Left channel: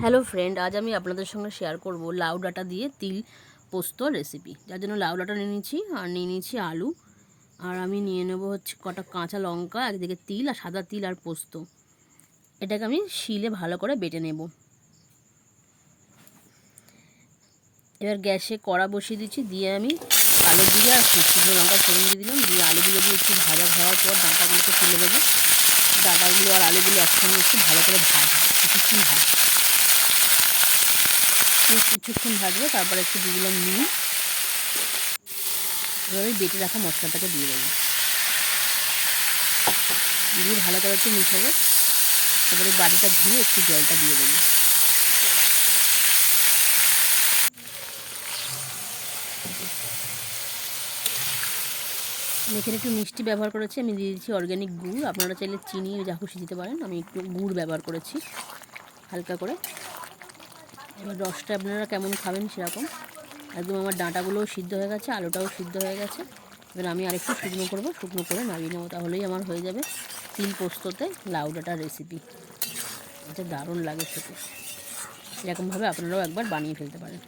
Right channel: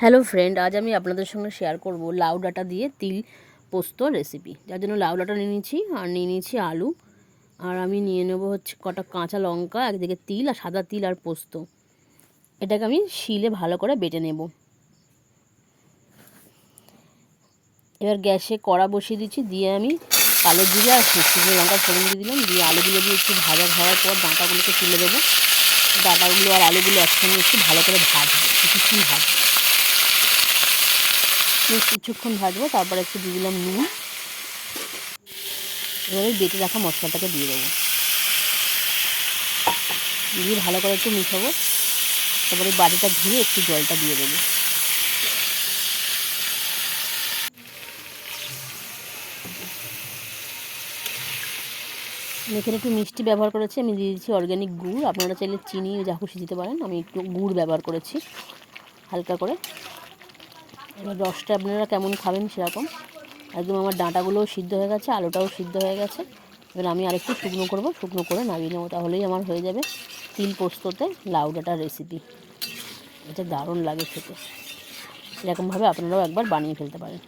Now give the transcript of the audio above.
Hello friend আজ আমি আপনাদের সঙ্গে শেয়ার করব লাউ ডাঁটা দিয়ে তিল পোস্ত রেসিপি যার জন্য লাউ ডাঁটা নিয়ে নিয়েছি আর নিয়ে নিয়েছি আলু। আর আমি নিয়ে নেব হচ্ছে কটা কাঁচা লঙ্কা, একদিকে তিল, আর সাদা তিল আর পোস্ত। এটাকে আমি শিলে ভালো করে বেটে নেব। এবার গ্যাসে কড়া বসিয়ে দিচ্ছি, দিয়ে আমি কালো জিরে আর শুকনো লঙ্কা ফোড়ন দিয়ে দিলাম। দিয়ে আলুগুলো দিয়ে একটু ভাজা হওয়ার পর ডাঁটাগুলোকে তুলে দেবো ডাঁটাগুলো আর আলুগুলো একসঙ্গে একটু ভালো করে ভাজবো, কিছুক্ষণ ভাজবো। বেশ কিছুক্ষণ ভাজবো, তারপরে একটু দিয়ে দিলাম নুন। এবারে বেটে রাখা মশলাটাকে দিয়ে দেবো। দিয়ে ভালো করে একটু মিশাবো। তারপরে বাটিটা ধুয়ে একটু জলটা দিয়ে দেবো। এখানে একটু মিষ্টি ব্যবহার করেছি, আমি দিয়ে দিচ্ছি অর্গ্যানিক গুড়। আপনারা চাইলে চিনি, যা খুশি দিতে পারেন। আমি একটু গুড় ব্যবহার করেছি, হালকা করে। এবার রসটা আপনারা কেমন খাবেন সেরকম। একদম আমার ডাঁটাগুলোও সিদ্ধ হয়ে গেছে, আলুটাও সিদ্ধ হয়ে গেছে। এবার আমি আরেকটু শুকনো করব, শুকনো করে নামিয়ে নেব, তাহলেই আমার হয়ে যাবে তিল পোস্ততে লাউ ডাঁটার রেসিপি এটা দারুণ লাগে খেতে। এরকমভাবে আপনারাও একবার বানিয়ে ফেলতে পারেন।